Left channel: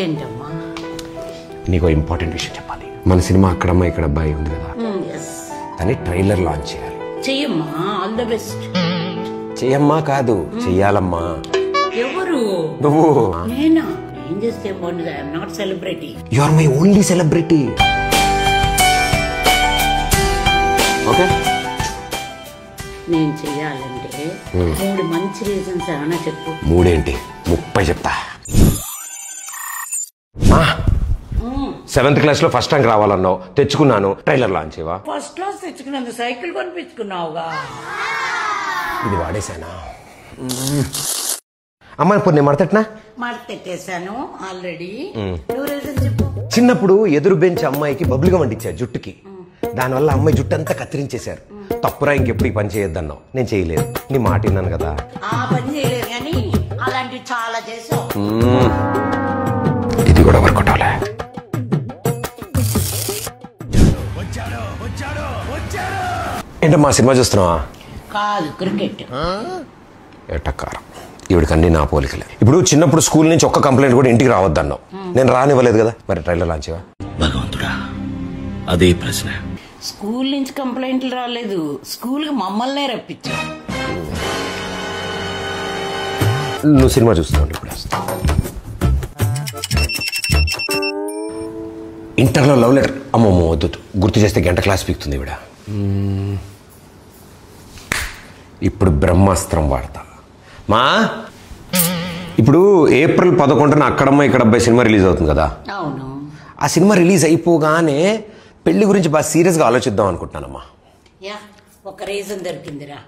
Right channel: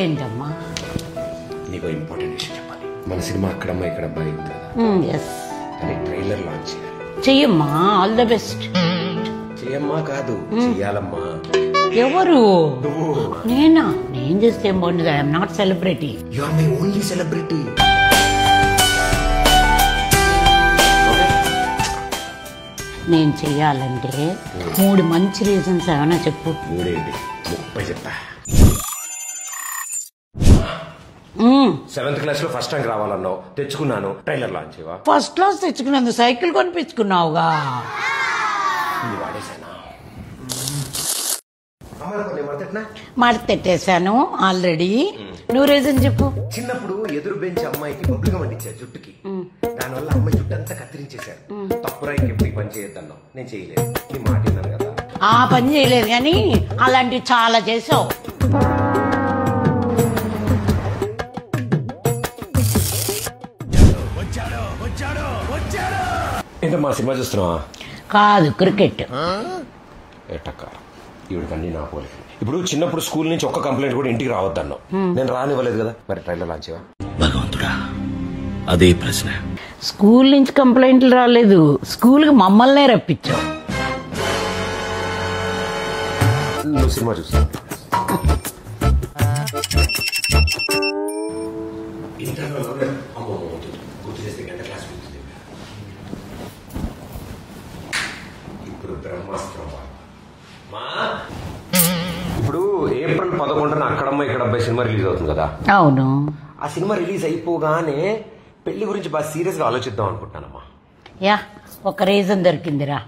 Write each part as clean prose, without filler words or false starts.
ఏంటమ్మా? నీకు ఇంపార్టెంట్ విషయం చెప్పాలి. మన సినిమా అక్కడమ్మ ఇక్కడ అబ్బాయి ఉంది కదా, దాన్ని ట్రైలర్ లాంచ్ చేయాలి. చెయ్యమ్మా, ఆల్ ద బెస్ట్. చెయ్యమ్మా కాదు, చెయ్యాలమ్మా. ఎవరు? నువ్వు. నేనా? ఏం చేస్తే ఏం బాగుండదు. I'm not celebrity. You are my only celebrity. Okay, నేను చెయ్యాలంటే 3 మంచి రీజన్స్ ఏమైనా చెప్పు. 3 ఏంటి, 30 చెప్తా. 7th క్లాస్ లో ఫస్ట్ ర్యాంక్ రావాలన్నావు, తెచ్చుకున్నాను. ట్రైలర్ లాంచ్ చేయవా? ఫస్ట్ క్లాస్ తెచ్చుకున్నందుకు సైకిల్ కొనిపించుకున్నావుగా. ఇది వాడేశానా? అమ్మ ఇప్పుడు నేను మడతెట్నా? మడతెట్టేశాను ఆల్రెడీ. నువ్వు రీజన్ చెప్పు. చిన్నప్పుడు ఎదురు బెంచ్ అమ్మాయికి బబులుగా వండించారు జుట్టుకి. దానివల్ల అమ్మాయి జుట్టు అంతా కత్తిరించేశారు. తప్పురా, ఇంకెప్పుడు ఈ పని చేయొద్దన్నావు. నేను చేయలేదు, నీ మాట విన్నాను కదా. ఆ పని చేయలేదు కానీ అలాంటివి చాలా చేసావు. ఇది కూడా వర్కౌట్ అవలే. ఏంటమ్మా సినిమా చూస్తున్నావా? కాదు, క్రికెట్. ఎటకారం. ఈవిడికన్నీ నా పోలికలే. ఇప్పుడు చిన్నప్పుడు స్కూల్ నుంచి ఒక్క కంప్లైంట్ కూడా ఇంటికి రావద్దన్నావు. నేను రానివ్వలేదు కదా, మరి ట్రైలర్ లాంచ్ చేయవా? భగవంతుడా, అదే ప్రశ్న. స్కూల్ నుంచి కంప్లైంట్లు రాలేదు, స్కూల్ కి మమ్మల్నే రప్పించావు. నువ్వు సినిమా చూస్తున్నావు. ఇంటర్లో లవ్ లెటర్. అమ్మమ్మ వద్దు, గుర్తు చేస్తే గంట క్లాస్ పీకుతుంది ఈవిడ. ఇప్పుడు బ్రహ్మాస్త్రం వాడతా. మా ఇప్పుడు April 11న అక్కడమ్మ ఇక్కడ అబ్బాయి సినిమా రిలీజ్ అవుతుంది కదా. అవును. ఆ సినిమా రిలీజ్ అయిపోగానే పెళ్లి గురించి బాగా సీరియస్ గా ఆలోచిద్దాం అనుకుంటున్నానమ్మా. యా, ఒక రీజన్ దొరికిందిరా.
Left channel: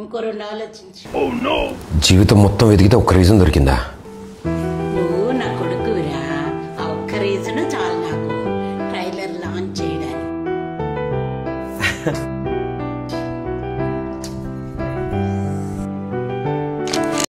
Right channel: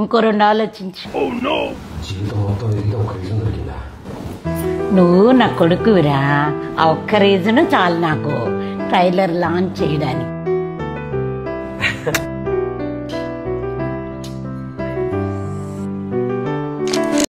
ఇంకో 2 ఆలోచించు. జీవితం మొత్తం వెతికితే ఒక్క రీజన్ దొరికిందా? నువ్వు నా కొడుకువిరా. ఆ ఒక్క రీజన్ చాలు నాకు ట్రైలర్ లాంచ్ చేయడానికి.